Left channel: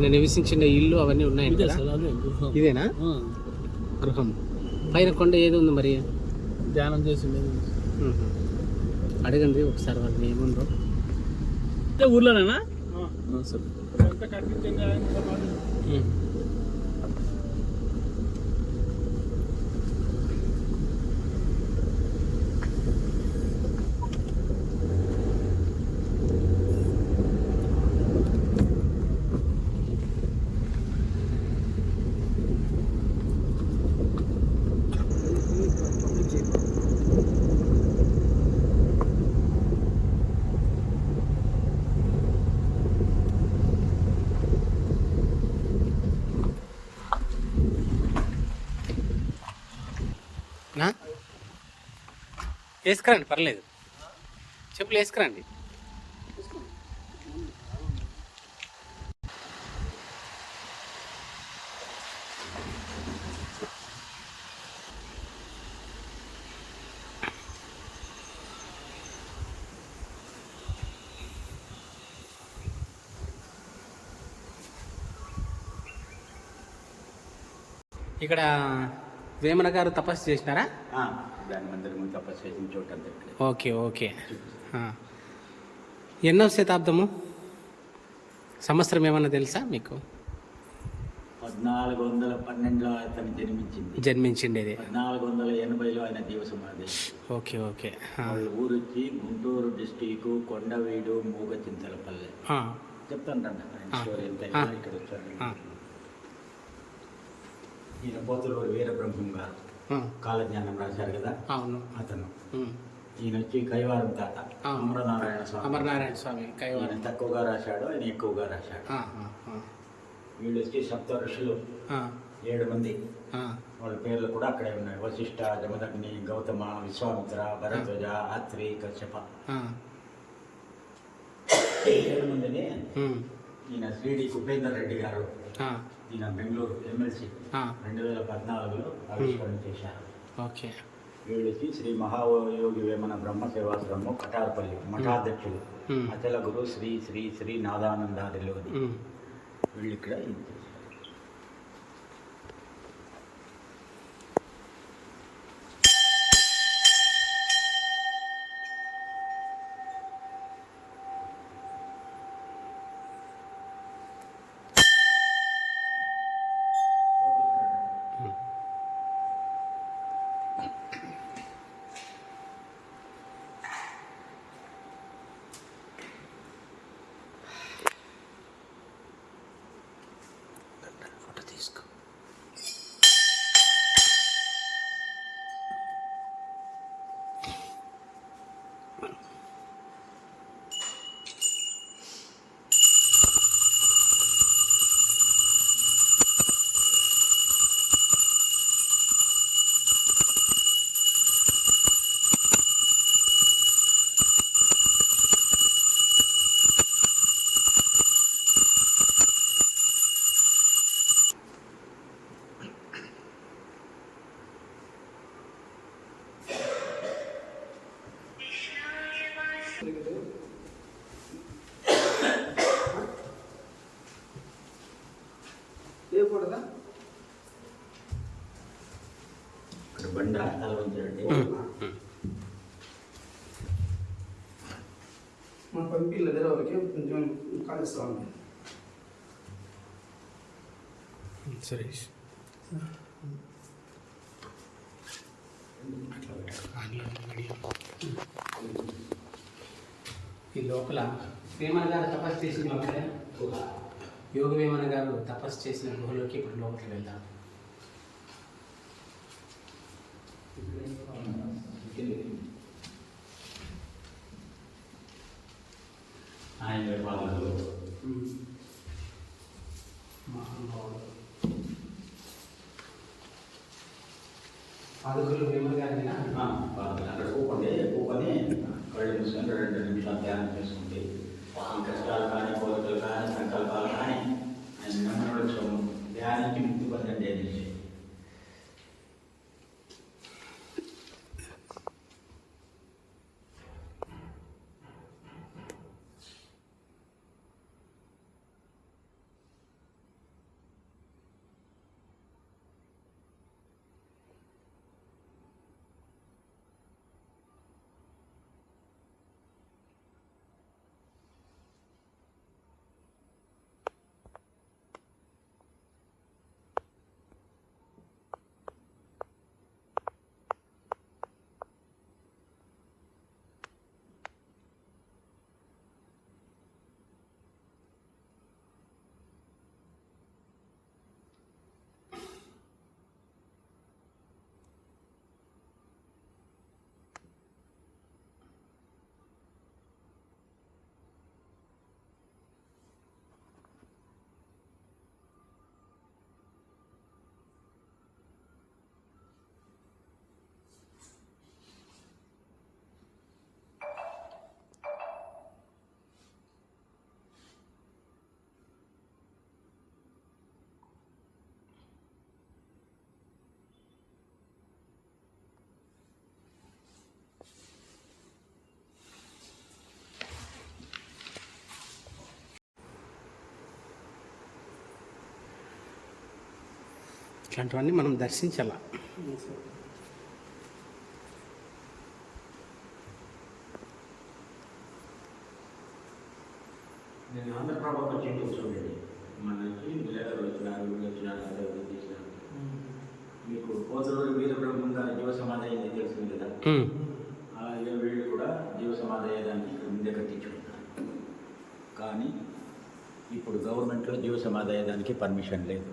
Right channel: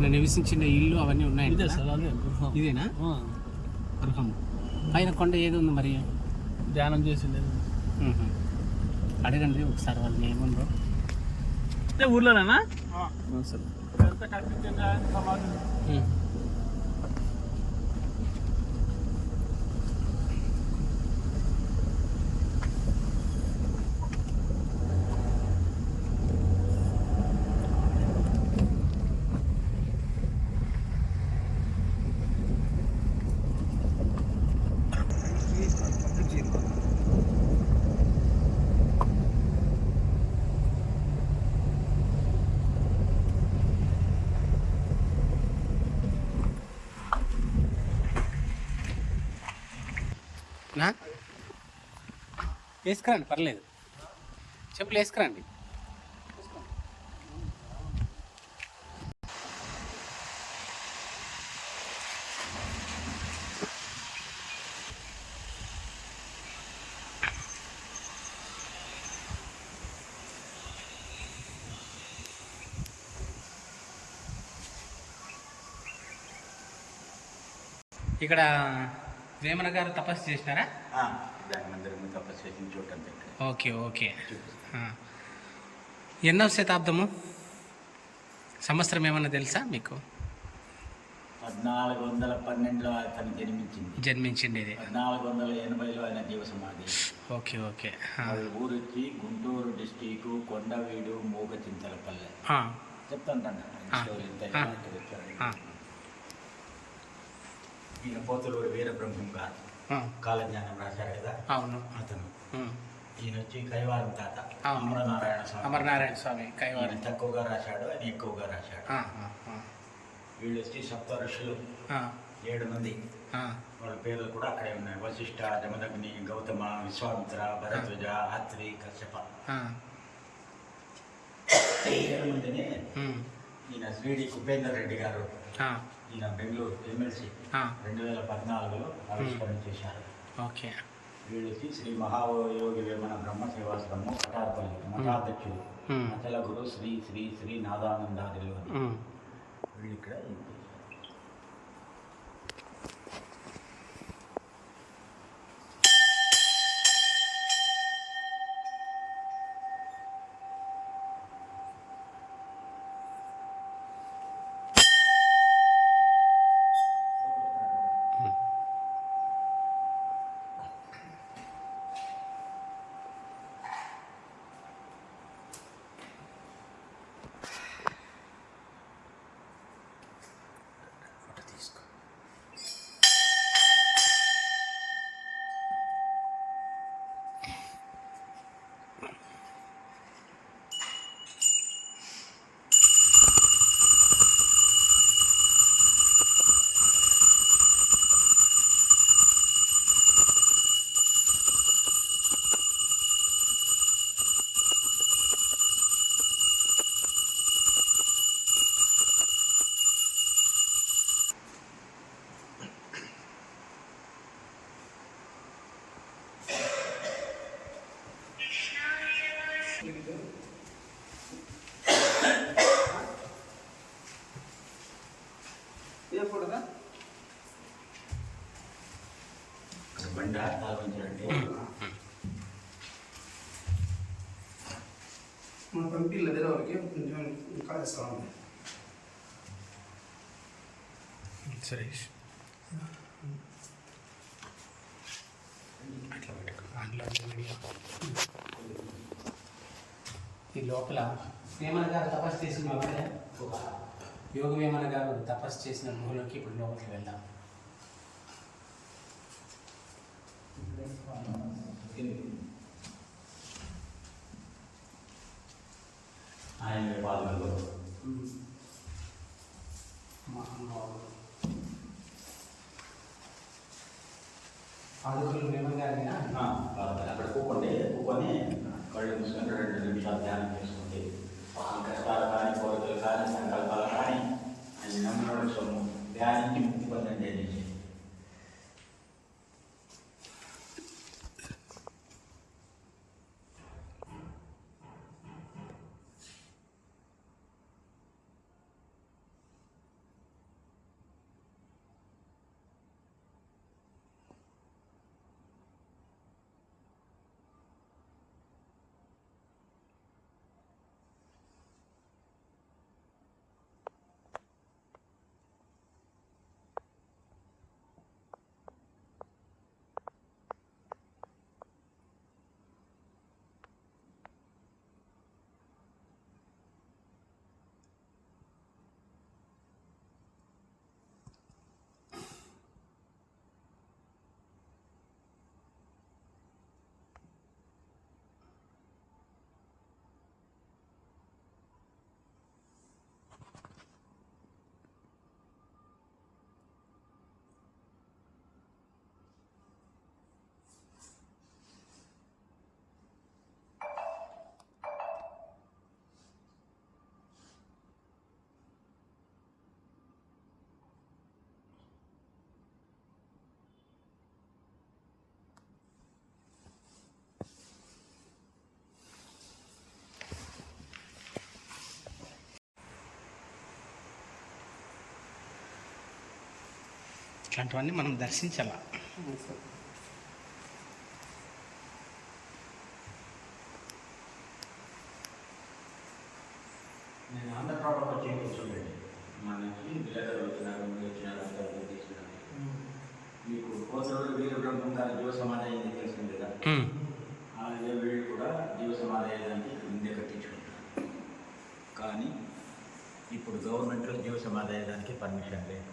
ఆయన నివసించిన ఇల్లు అవన్నీ ఉన్నాయండి ఇదేనా? గృహం. పైన కొండ ఏది ఉంది మరి? ధ్యానం చేసిండేది మ్మ్. అడగండి ఒకసారి వాళ్ళని ఏముందో ఊర్లోనేనా? సమాధి వేసుకురండి పర్లేదు. చెప్పులు వేసుకురండి. ఇక్కడ వేమన గారు తపస్సు చేసినారా ధ్యాన మందిరం తపస్సు చేసిన చోటు అని చెప్పి ఓకే ఓకే. ఎన్నో శతాబ్దము సంవత్సరం ఏమన్నా తెలుసా మీకు పద్నాలుగు వందల పన్నెండులో అతను జన్మించింది జన్మించిండేది పద్నాలుగు వందల ఎనభైలో ఆయన జీవ సమాధి ఓకే ఓకే. వాళ్ళ ఊరు వచ్చి గుంటూరు డిస్టిక్ కొండవీడు మూగ చింతలపల్లె ఆ. స్టోరీ ఎంత ఆ. ఇక్కడ వచ్చాడు ఆ. ఈయన పోతులూరు వీరబ్రహ్మం గారు ఆ. కాలజ్ఞానం రాశారు కదా అవును అతను. ఈయన వచ్చి కైవారం తాత. అమరనారాయణ స్వామి అమరనారాయణ స్వామి కైవారం తక్కువగా రాశాడు ఆయన ఎక్కువగా రాశాడు. వీళ్ళు వచ్చి సప్త ఋషులు ఏడు మంది. వాళ్ళ పేర్లు కూడా అక్కడే ఉన్నాయి వశిష్ఠ జమదగ్ని గౌతమ విశ్వామిత్ర భరద్వజ అత్రి కశ్యప ఏడు మందిని. ఈయన శ్రీడి కుపేందర్ రెడ్డి గారు. ఈయన బెంగళూరు ఎమ్మెల్సీ. రెండు వేల పద్నాలుగులో ఆవిష్కరణ చేశారు ఓకే వీళ్ళకి శ్రీ మహాయోగి వేమన బ్రహ్మ సేవాశ్రమం కటారపల్లి మఠాధ్యక్షుడు ఉమ్. అచల గురు శ్రీ శ్రీ శ్రీ నాదానందారిలో. వీళ్ళు ఇక్కడ ఇక్కడ బండి ఆలోచించండి మా పంపిల్లదే వాళ్ళకి కొంచెం కాలుస్తాము అట్లా పెట్టుకో. వీడియో. ఈ లోపల వేమన గారు తపస్సు చేసిన లోపలే. యోగ వేమన గారు తపస్సు చేసిన గుహలోకి ఇప్పుడు లోపలికి వెళ్దాం. ఆయన పాలనలో పాదుకులు వేమన గారినా పాలనలో అక్కడ కూపండి కూపని కళ్ళు మూసుకొని రెండు నిమిషాలు ధ్యానం చేసుకుంటే కష్టాలు కానీ కోరికలు కానీ సంకల్పాలు కానీ ఆయన నమ్మిన సొమ్ము ధ్యానానికి ఇట్లాంటివన్నీ మనం దర్శించాల? నేను ఆంధ్రప్రభకు వచ్చి చూడండి. మనకి విలేకరులు వచ్చినారు వచ్చినారు అంతా వీళ్ళు తీసినారు. మీకు పోతలూరి వీర బ్రహ్మం గారి జీవ సమాధి తెలిసింది కదా? ఏ వీళ్ళు కూడా జీవ సమాధి ముందే కట్టించుకుంటారు కానీ ఇప్పుడు గవర్నమెంట్లో జీవ సమాధి అయ్యేదానికి పర్మిషన్ లేదు.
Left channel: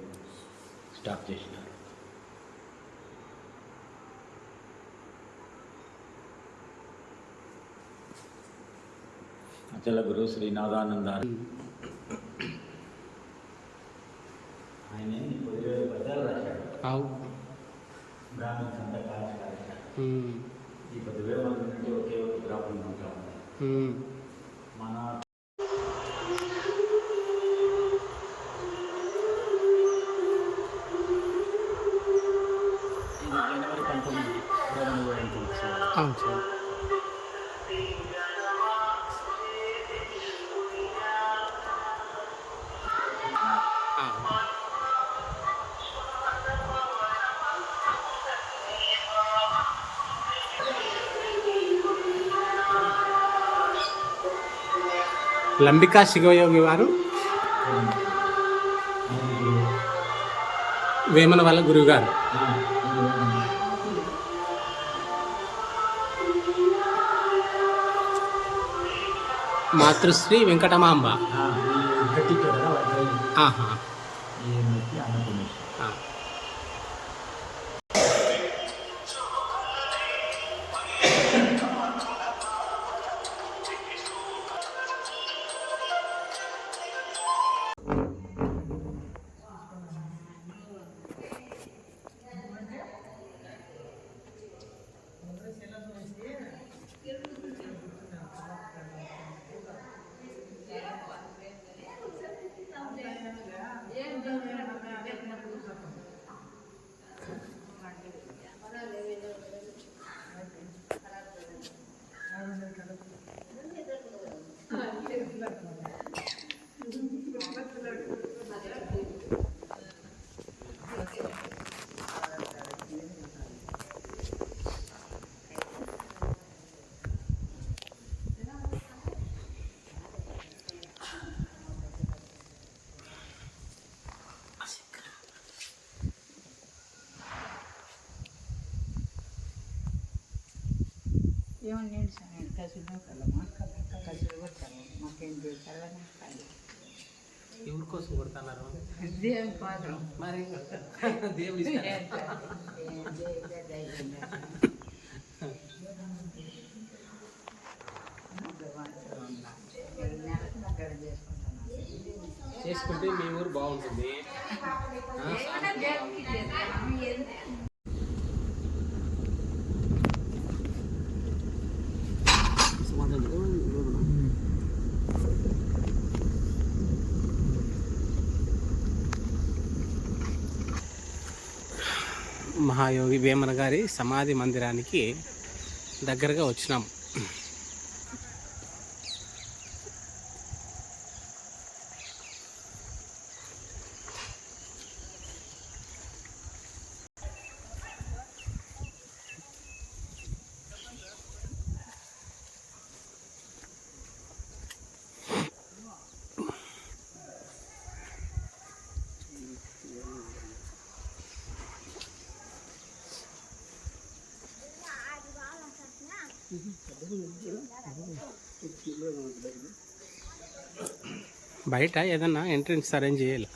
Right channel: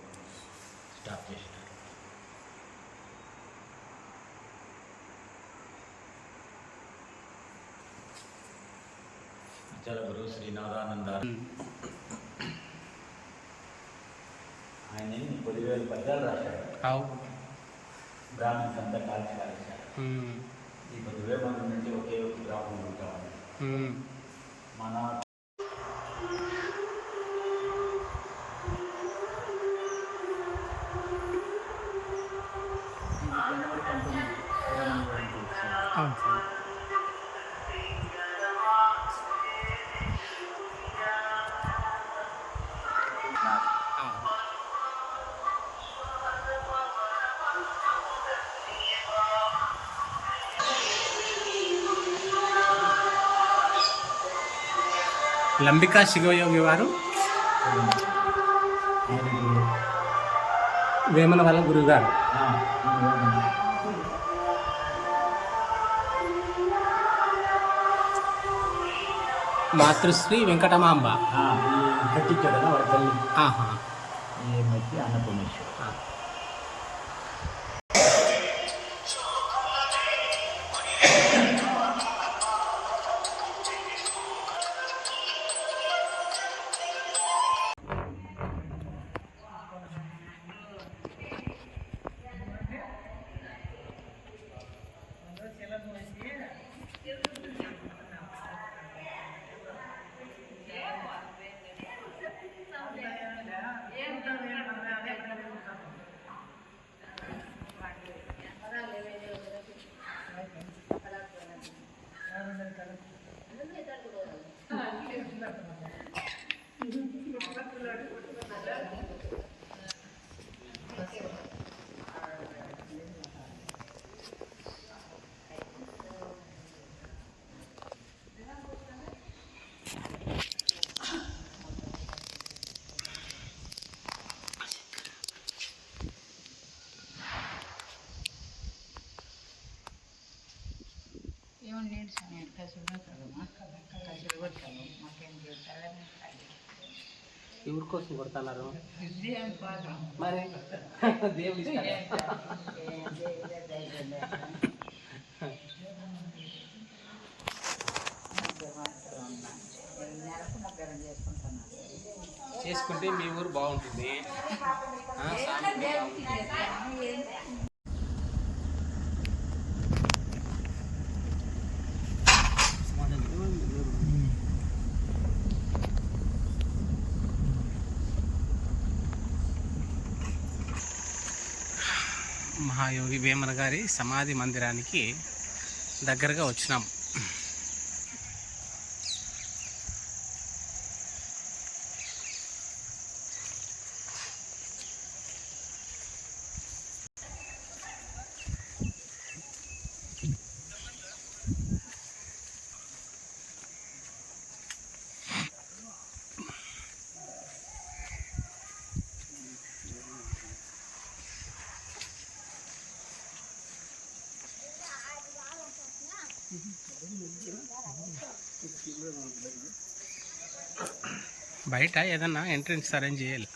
స్టాప్ చేసి జలగురు శ్రీ నాదానంద ఆయన ఎన్ని పదివేల పద్యాలు రాశాడు అవు దానికి అంతా కాల్చి రాశాడు అవును సార్ ఆ. లంబికా శివయోగి వారు వేమన వాళ్ళ గురువుగారు మాతృశ్రీ వెంకటమాంబ ఆహా ఏమన్నా స్వామి కసులు కలమా కసులు కొట్టాము మాకేం చేస్తారని ఎవరి కోసం కొడుతున్నారు? దేవుని కోసం. మరి దేవుడు ఇస్తాడా? చేసుకుంటే మీ ఊరు బాగుంటుంది ఆ, సామెత బాగుంటుంది. మహాయోగి వేమన గారి సమాధి మందిరానికి దగ్గరగా వచ్చినాం. బయట ఏదన్నా ఎంట్రన్స్ అరేంజ్ చేయాలి.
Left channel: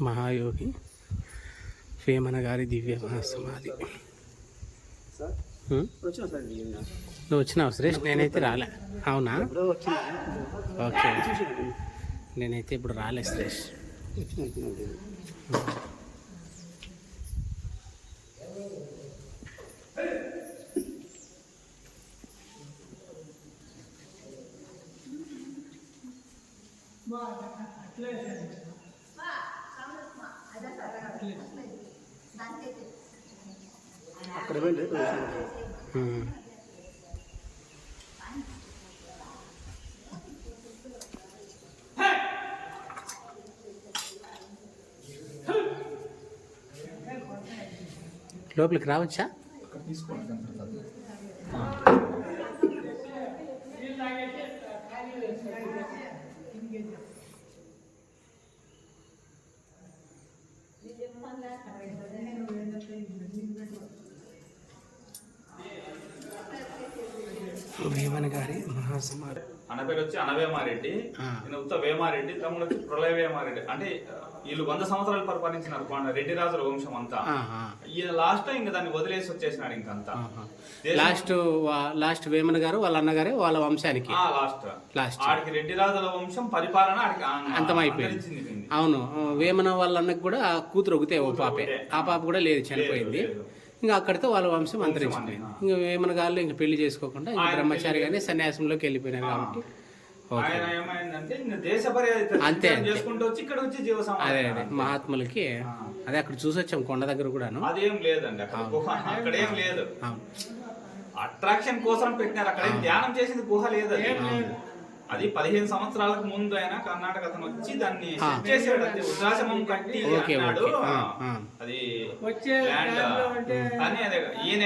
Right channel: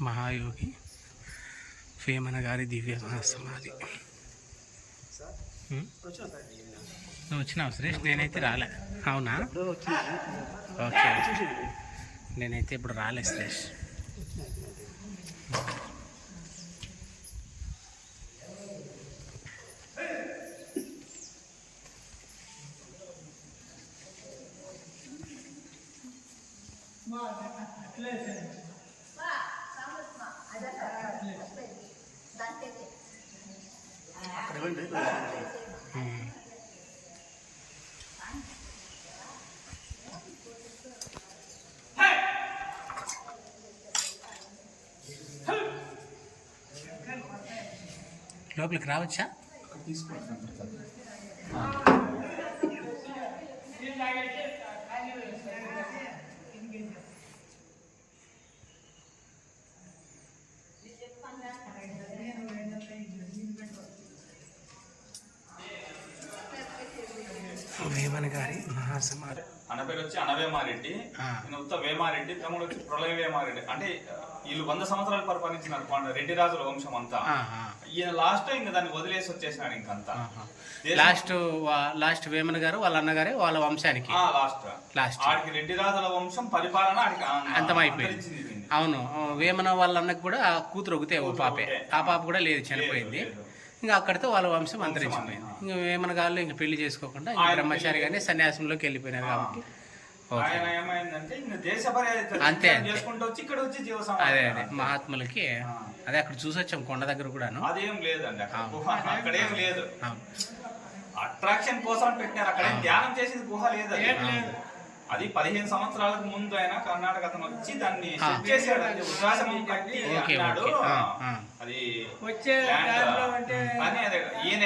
మహాయోగి వేమన గారి దివ్య సమాధి హ్మ్? వచ్చిన సార్ ఇది. నువ్వు వచ్చినావు సురేష్? నేనైతే రాలే. అవునా? ఓకే. నేనైతే ఇప్పుడు రాలే సురేష్. అక్కడ లోపలికి రావచ్చా వేమన గారి మహాసమాధి అన్న ఈయన ఉత్త వేమారెడ్డి తమ్ముడు వచ్చి ప్రళయ వేమారెడ్డి. అంటే వీళ్ళు వంద సంవత్సరాలు పరిపాలించినారు పాండ రెడ్డి రాజుల వంశం అంతా. ఈయన లాస్ట్ ఇంకా దాన్ని వదిలేసి వచ్చేసినాడు ఇంకంతా. లాస్ట్ లాస్ట్ వేమన గారు వాళ్ళ అన్నగారే వాళ్ళ వంశానికి? లాస్ట్ లాస్ట్ ఆడికి రెడ్డి రాజుల వంశం పరిపాలన అంతమైపోయింది. అవును. వేమన వాళ్ళ అన్నకు కూడా కూతురు ఒకతే ఓ పాపే. ఆ పాప కూడా లేదు చనిపోయింది. ఇంకా అక్కడితో వాళ్ళ వంశం అంతరించిపోయింది. ఇంకా వేమన గారు ఇంకా పెళ్ళి చేసుకోకుండా ఇంకా ఆయన బ్రహ్మచారిగానే సన్యాసంలోకి వెళ్ళిపోయినారు కాబట్టి. ఆయన ఏమైందంటే దేశ అంతే. చేసుకుంటూ వచ్చి ఇక్కడ వచ్చి జీవ అదే అదే. మహాత్ములకి అదే అక్కడ చూసి వచ్చాం కొండ దగ్గర కూడాను. అదేం లేదండి అక్కడ గుహ అక్కడేం లేదు. అట్రాక్షన్ కోసం పెట్టినారు అక్కడ ఏం ధ్యానం చేసింది గుహ లేదు అది. పదిహేను సంవత్సరాలకు ముందు ఆయన కర్ణాటక అతను వచ్చి దాన్ని అది వృద్ధాశ్రమం కట్టి ఓకే, అన్నాడు. ఓకే. ఆ, ఆ. అది వచ్చే ల్యాండ్ దాంట్లో అంటే కానీ అది ఈయన